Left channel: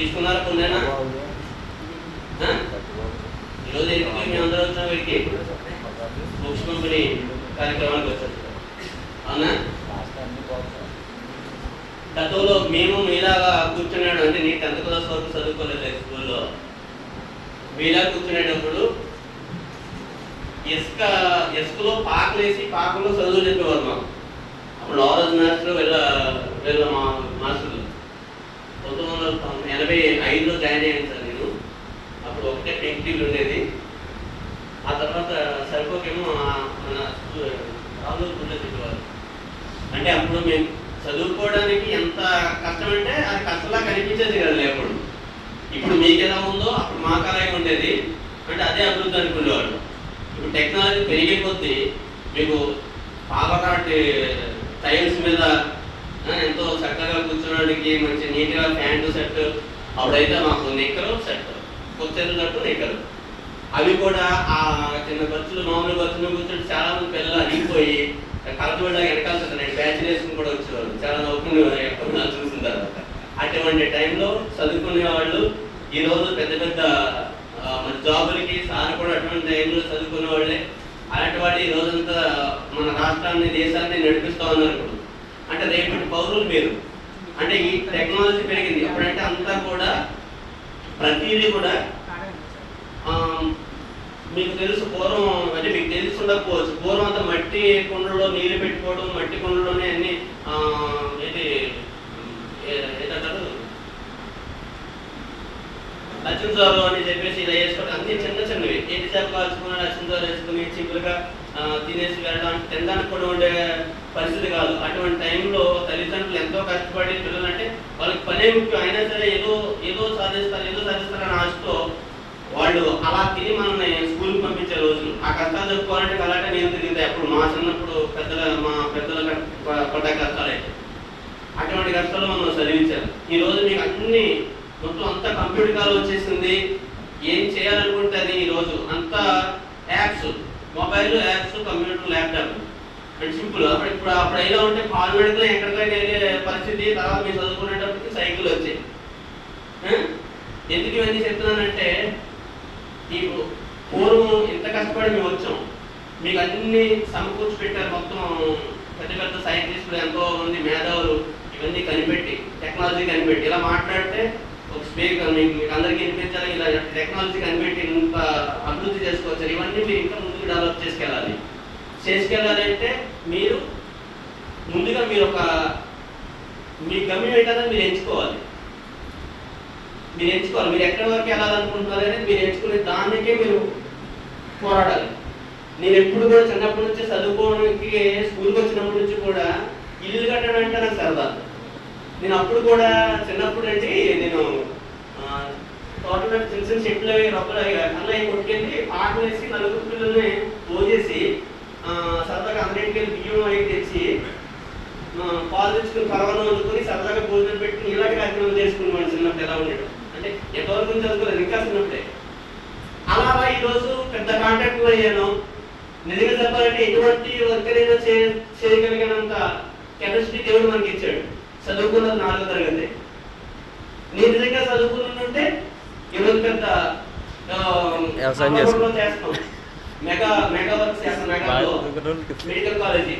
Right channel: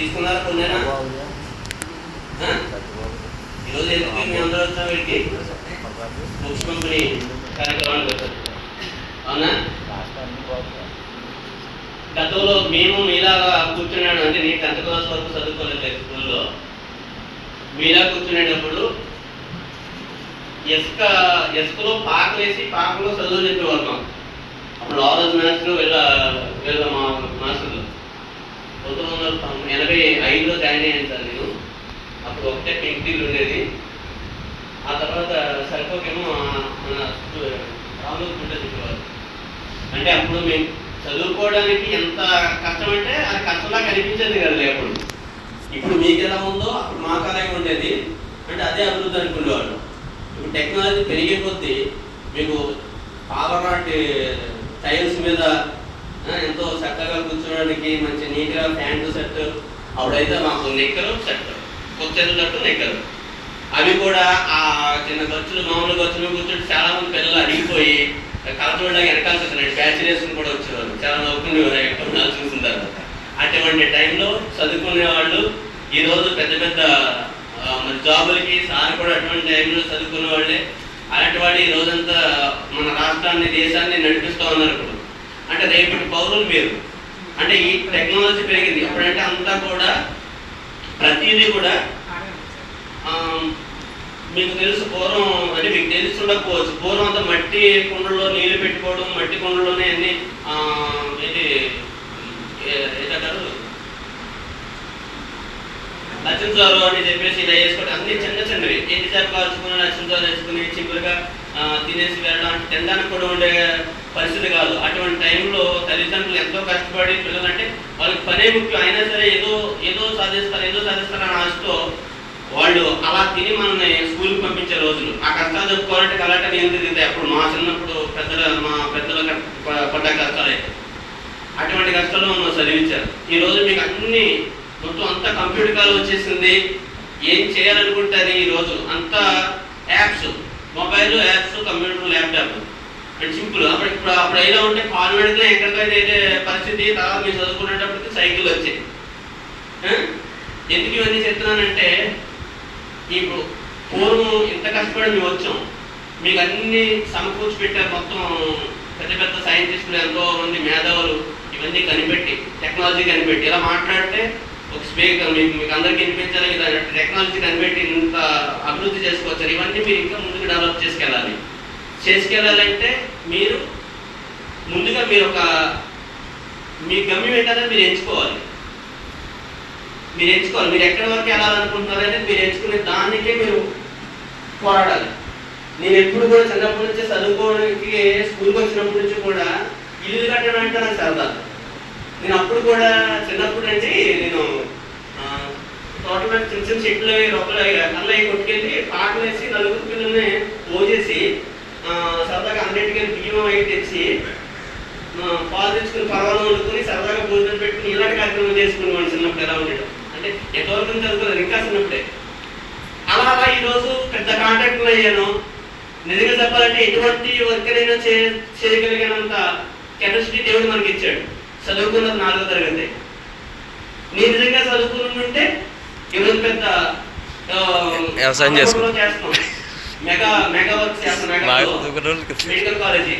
తీసుకున్నారా కొన్నారా? ఈరోజు ఎందుకు మీ అందరూ వచ్చిన వీడికి బుక్స్ కంపెనీ కార్యక్రమానికి వచ్చారు, అవునా? గతంలో మేము మీలాగా కూర్చున్నాడు, అంటే నీ 10th క్లాస్ వరకు చదువుకోలేదు స్కూల్లో. మీలా కూర్చునేటప్పుడు ఇసుకలో పాకలేసి పాకలో చదువు చెప్పేవారు మాకు. అప్పుడు ఆరోజు మాస్టర్ వీళ్ళ మా మాస్టర్లు 1985లో జాయిన్ అయ్యాను సార్ నేను. అప్పుడు ఒకటే పింక్ టీవీ ఉండేది. ఆ తర్వాత సరిపోకేమో మన రాములు గుండె చెప్పేవారు. అంటే అప్పుడు మేము చదువుకోవడానికి ఎంత కష్టం అంటే అది కష్టంలా కనిపించేది కదా అప్పుడు. ఇప్పుడు మీకు ఎలా ఉందో అప్పుడు మాకు అలాగే ఉండేది. అంటే అదే అభివృద్ధి అనుకునేవాళ్ళు. ఇప్పుడు టెక్నాలజీ పెరిగే కొద్దీ మీకు పాలరాటి టైల్స్ మీద ఎంతో చక్కగా కూర్చోడానికి మంచి నీట్గా ప్యాంటు షర్ట్, అప్పుడైతే మాకు నిక్కరు షర్ట్, కొచ్చెలు షర్టు నిక్కరు, అవి కూడా ఆ చిన్న ఖర్చులు మామూలు ఖర్చులు కూర్చొని చాలా మంది పిల్లలు అడిగిపోయి కలపడానికి వెనకాల బ్యాచ్ వేసుకుని కూడా వచ్చేవాళ్ళు. చాలా నవ్వుకునేవారు ఎక్కడ చూసిన తర్వాత. అటువంటి టైంలో చదువుకునే వాళ్ళు ఈరోజు పెద్ద పెద్ద జాబులకి సార్ కూడా అటువంటి టైంలో చదువుకునే వాళ్ళే. అలాంటి వాడు ఈ రోజంతా మన రాష్ట్రాన్ని దేశాన్ని నడిపిస్తూ ఉన్నారు. ఇప్పుడు అంటే రేపటి పౌరులు మీరు, అంటే ఈ టెక్నాలజీ పెరిగింది. అప్పుడంటే అంతా కూడా ప్రతిదీ కూడా మీకు తెలుసు, పూర్వం అంటే మీకు తెలిసి ఉండకపోవచ్చు, పూర్వం అంతా మట్టి కుండల్లో నీళ్లు పెట్టుకోవడం, మట్టి కుండలోనే అన్ని ఏంటంటారు లక్ష్మీసారు అని చెప్పేసి ఇలా వేసుకోవడం, అన్ని చిన్న చిన్నవి ఎంతసేపు కాల్చుకుని లక్ష్మీసారు వేసుకుని సింపుల్గా తినేసి వెళ్ళడం, తినడానికి కూడా ఉండే పరిస్థితి కాదు. అటువంటి టైంలో తల్లిదండ్రులు ఎంతో కష్టపడి పిల్లలంటే వాళ్ళకి పనే ముఖ్యం, అయినా సరే ఏదో సాధిస్తారు అని ఆశతో వాళ్ళు అలా తిని మనల్ని స్కూల్కి పంపించే రోజులు. ఆ కష్టాలు చెప్పుకోవాలంటే కలాట నేను తిరుగుతాయి. అప్పుడు మా చిన్నప్పుడు మా పెద్దల పడ్డ కష్టాలు అయితే అటువంటి కష్టాలు మనం చదివించారు. ఈరోజు మీకు అన్ని మొత్తం అంతా కంప్యూటర్ కాలం వచ్చేసింది. ఏం చేయాలనుకుంటే అది ఈరోజు అంతా apps, mobile apps, computer, laptop and simple. అప్పుడు ఎలా ఉంటే కాల్ పెడితే ఎక్కడికైనా అయితే పరిస్థితి. తర్వాత మీరు చదువుకునేటప్పటికి సైకిల్ వచ్చాయి. ఎందుకు ఇవన్నీ చెప్తున్నానంటే ఇప్పుడు పూర్వం ఇంత కష్టపడి మేము వచ్చాం, మీకు అన్ని సమకూర్చి పెట్టారు. మొత్తం పెద్ద పెద్ద సైంటిస్టులు, ఎంతో మంది మేధావులు ఇవన్నీ కనిపెట్టి, టెక్నాలజీ కనిపెట్టి ఇలా మాట్లాడితే ఒక స్పీకర్ మీకు అందరికీ వినిపించాలి. ఇలా టెక్నాలజీ కనిపెట్టి ఇంత అభివృద్ధి చేసుకోవచ్చు. ఇవన్నీ మీరు ఇంకా ముందుకు డెవలప్ చేసుకెళ్ళాలంటే మీరు ముందుగా మీ గమ్యం ఏంటనే మీరు ఎంచుకోవాలి. మీరు ఎక్కడి వరకు వెళ్ళాలనుకుంటున్నారు అనేది మీరు ఎంచుకునే దానికే మీరు పోరాడాలి. నేను ఎప్పుడు కూడా చిన్నప్పటి నుంచి చదువుకోవడానికి స్కూల్కి వచ్చినప్పటి నుంచి కూడా ఇల్లు కట్టడం అంటే నాకు సరదా. నేను అప్పుడు కూడా చిన్నప్పుడు అంటే నేను తోటలో చిన్న చిన్న చెట్లు రొక్కలు అన్నయ్య కొట్టుకెళ్ళి పాటలు వేసి నలుగురు పిల్లల్ని మోసేసి సరదాగా అన్నింటికి బియ్యం అయి తెచ్చి పాలు తెచ్చుకుని పర్వాలు వండుకొని సరదాగా భోజనం పెట్టుకుని ఇలాంటి కార్యక్రమం చేసుకునేవాడు. చిన్నప్పుడు ఎలా ఉండేది అంటే ఎంతవరకు చదువుకోలేదు ఇంకా చిన్నప్పుడే. అలా ఈరోజు పెద్ద కాంట్రాక్టులు అయ్యాను. నిజంగా చెప్పాలంటే ఎటువంటి వర్క్ అయినా చేయగలిగినంత కెపాసిటీ దేవుడు మనకి ఇచ్చాడు. చదువుకున్నది 4వ తరగతి. నేను నిజంగా చదువుకుని ఉంటే ఈరోజు పెద్ద చేస్తున్నాం, మెగా వర్క్ చేస్తున్నాం, మెడికల్ కాలేజీ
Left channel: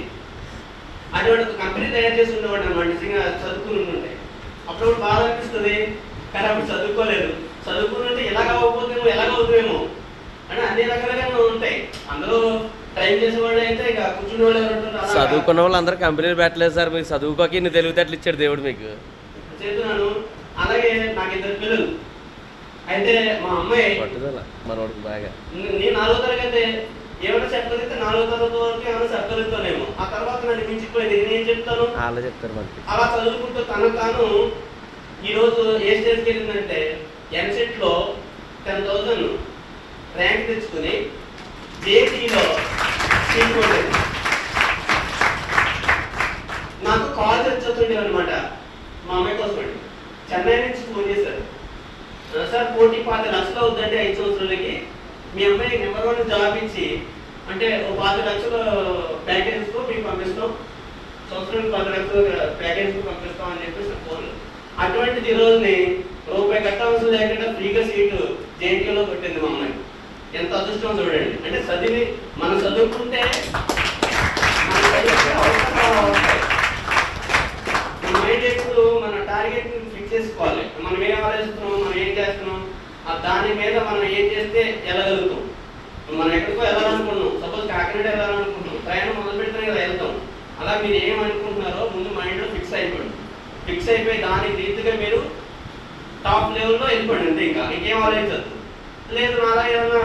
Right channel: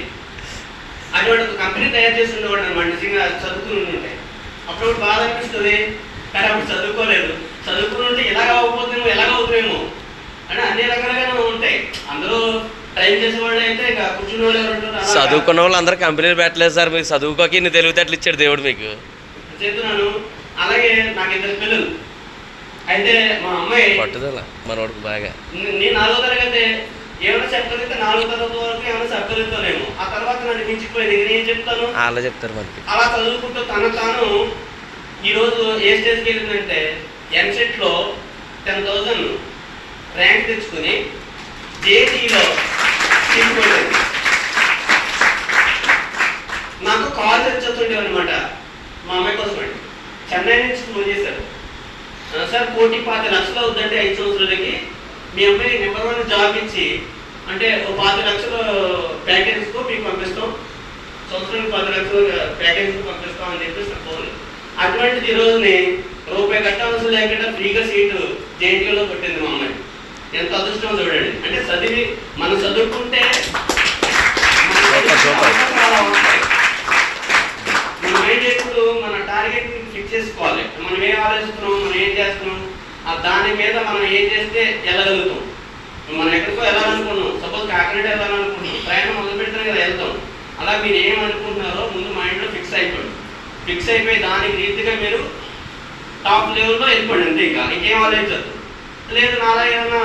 అటువంటి ఒక కంపెనీ తయారు చేసి ఉండేవాడు అనమాట. నిజంగా చదువుకుని ఉంటే అప్పుడు బాధ అనిపిస్తుంది. కానీ అప్పుడు చదువుకుని ఉంటే ఎలాగ అవుతామేమో అంటే అన్ని రకాలుగానే ఉంటాయి. అందరూ టైం చేసేవాళ్ళు అయితే ఇక కూర్చుని వాళ్ళు చదువుకున్న వాళ్ళు అందరూ కంపెనీలు పెట్టలేదు సార్. మీకు చదువుకోకి ఇన్ని తెలివితేటలు ఇచ్చాడు దేవుడు మీకు. చేస్తున్నాను. అలాగే నాకు 2 పిల్లలు. అయితే మా అమ్మాయి పట్టుదల మనోడికి బాగా. నేను 4వ తరగతి ఏమైనా చెప్పగలిగితే 4వ తరగతి వరకు ఏమైనా చెప్పగలుగుతానేమో. ఆ తర్వాత నన్ను మించిపోయింది. నేను ఏం చెప్తాను అలా చెప్తారు మనకి. అలా చదువుకుంటూ తాను ఈరోజు ఏ స్టేజ్కి వెళ్ళిందంటే ఎంసెట్లో 10,000 ర్యాంక్ తెచ్చుకుని జేఈలో సీట్ కొట్టేది. నాకు కాల్ తెచ్చుతుండేవి అనమాట. మా అమ్మాయి కోసం అండి చెన్నై నుంచి ఫోన్ చేశారు. సార్ 1,25,00,000 అవుతుందంటే 5 సంవత్సరాలకి మీ అమ్మాయి నెంబర్ 1 జాబ్ ఇచ్చి అంటే 5,00,000 ప్యాకేజ్తో మీకు పంపిస్తాం, సంవత్సరానికి 10,00,000 ప్యాకేజ్తో పంపిస్తాం అని చెప్పేసి ఫోన్. అటువంటిది ఈరోజుని రూపాయి కట్టవలసిన లేకుండా ఫ్రీగా సీటు జేఎన్టీయూలో కొట్టింది మా అమ్మాయి. ఎంత అదృష్టం చూడండి. అంటే చదివి మనం చదువుకుంటే మన మైండ్ ఎప్పుడు మన టార్గెట్ ఫిక్స్ చేసుకోవాలి. మనం ఏం ఆలోచిస్తున్నాం, మనం ఏం చేస్తున్నాం, దాని మీద మనం ఏం చేస్తే వెళ్ళగలుగుతాం. మనం ఎక్కడికో వెళ్ళాలనుకున్నాం, సపోజ్ కాకినాడ వెళ్ళాలనుకున్నాం, ప్రయాణం మొదలు పెడితేనే కదా వెళ్తాం. అలా మీరు ఏమనుకుంటున్నారో ముందు మైండ్లో ఫిక్స్ అయిపోండి. ఫిక్స్ అయిపోయి దానికి రీతిగా మీరు టాప్ లెవెల్లో వెళ్ళిపోండి. అంతే, ఇంకా ఇంకేం ఆలోచించదు. లేదు నాలా ఏమన్నా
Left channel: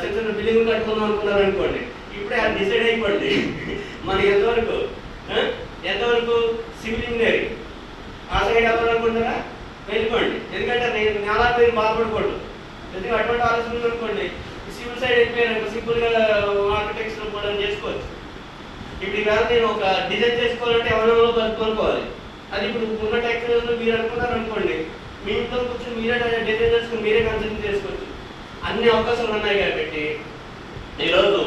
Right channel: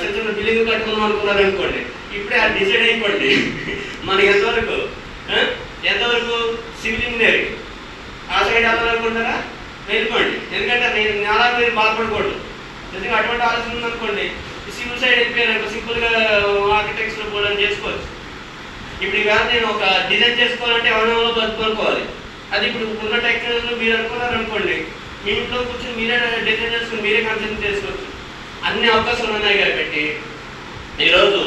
చిన్న చిన్న బిల్డింగ్ కట్టుకుందాం అనుకున్నారు అనుకోండి, ఇప్పుడే అది డిసైడ్ అయిపోండి. మనకి ఎంతవరకు సివిల్ ఇంజనీరింగ్ ఆ సైడ్ వెళ్ళాలనుకుంటారా, వెళ్ళిపోండి. ఎందుకంటే నేను నాలా మీరు బాధపడకూడదు. ఎందుకంటే అటువంటి ఆలోచన ఉందనుకోండి, సివిల్ సైడ్ వెళ్ళిపోయారు సింపుల్గా ఆర్కిటెక్చర్లో కూడా చేసుకోవచ్చు. ఇప్పుడు ఈవేళ నేను ఒక డిజైన్ చేసుకోవాలంటే ఎవరినో బతుకోవాలి. అది ఇప్పుడు ఉన్న టెక్నాలజీలో మీరు అనుకున్నారు అనుకోండి, మీ ఇంట్లో కూర్చొని మీరే డిజైన్ చేసుకుని మీరే కన్సల్ట్ చేసుకోవచ్చు. అన్ని అవకాశాలు ఉన్నాయి కాబట్టి ఈరోజు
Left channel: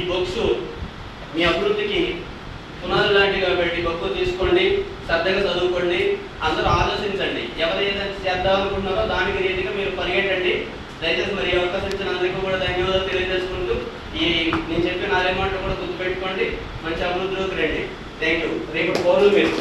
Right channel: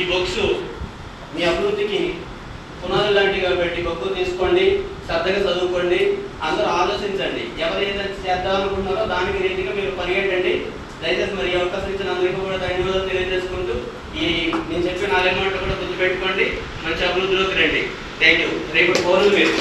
ఈ బుక్స్ మీ అభివృద్ధికి పునాది లాంటివి కాబట్టి బుక్ తీసుకోండి, శ్రద్ధగా చదువుకోండి, అందరూ ఆలోచించండి. ఎవరు ఏదైనా చేద్దాం అనుకుంటున్నారో దానికి రీతిగా మీరు పరిగెట్టండి. దయచేసి మరి అవకాశం ఇచ్చిన అందరికీ కూడా ధన్యవాదాలు తెలియజేసుకుంటూ నేను చెప్పిన 4 మాటలు కూడా గుర్తుపెట్టుకోండి, మంచి అభివృద్ధిలోకి రండి. Thank you. రేపు పౌరులు మీరు